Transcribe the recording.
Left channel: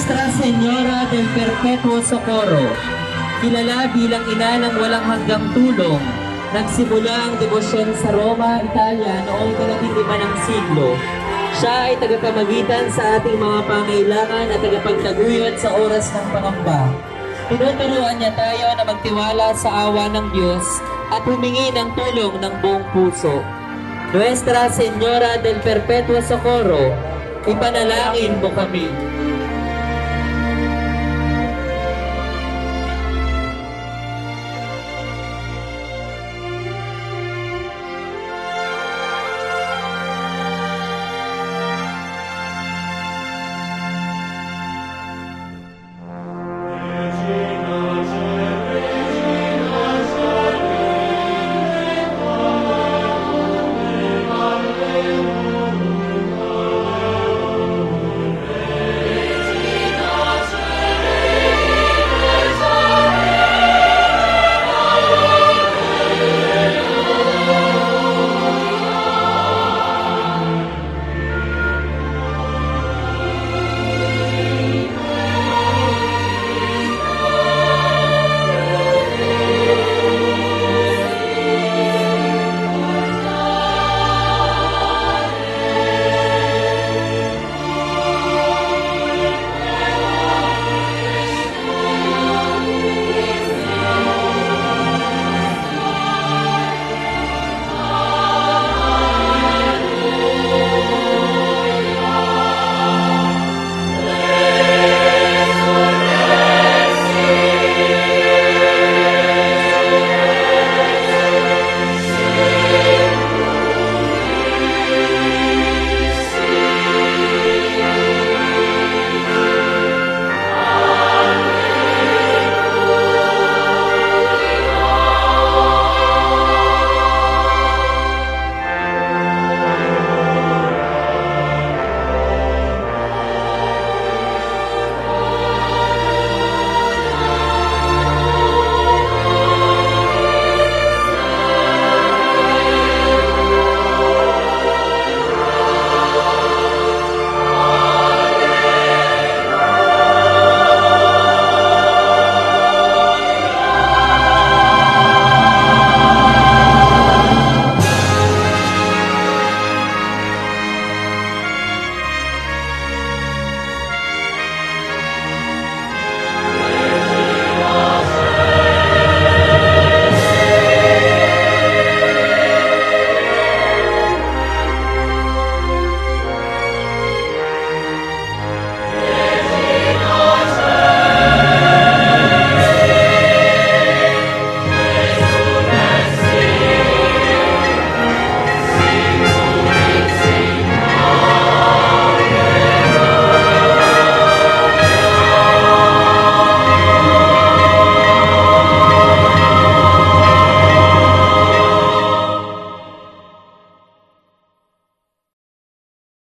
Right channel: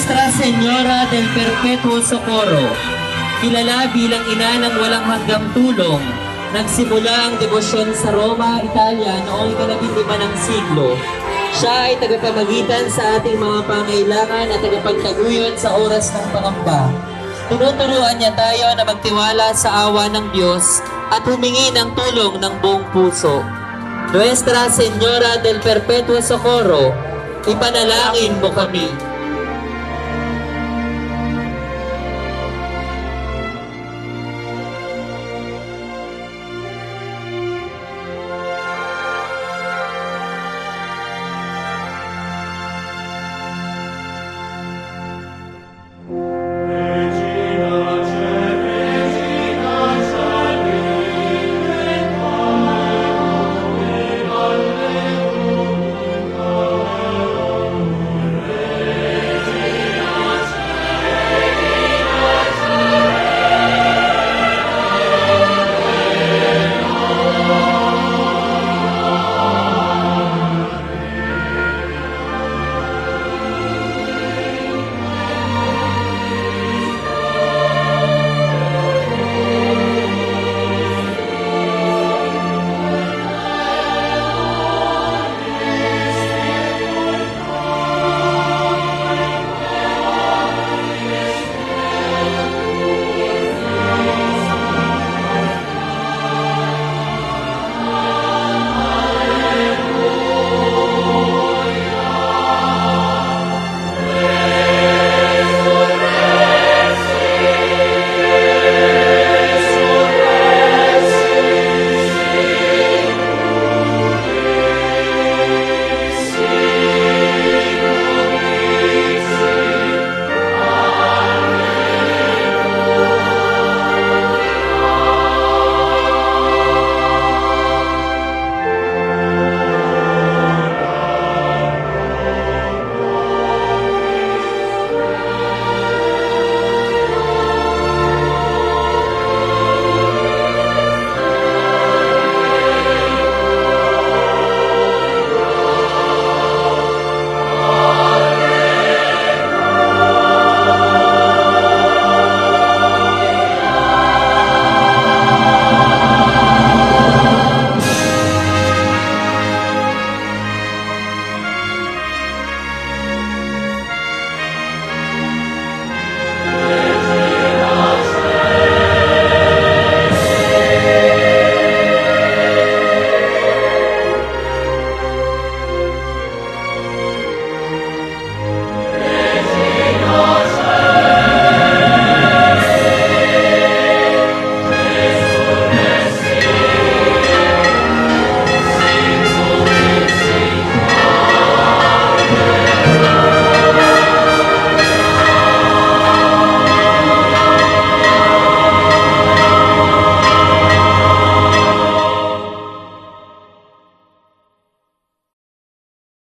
Nuestra Señora del Perpetuo Socorro, kilala bilang ina ng walang hanggang tulong, nagsimula ang debosyon sa Roma, Italia noong ika-15 ng siglo. Siya ay tagapamagitan sa ating mga pangailangan at tagapagtaguyod sa oras ng pangamba. Tinuturuan niya tayo na magtiwala sa awa ng Diyos at humingi ng tulong ng buong puso. Nuestra Señora del Perpetuo Socorro, ipanalangin mo kami.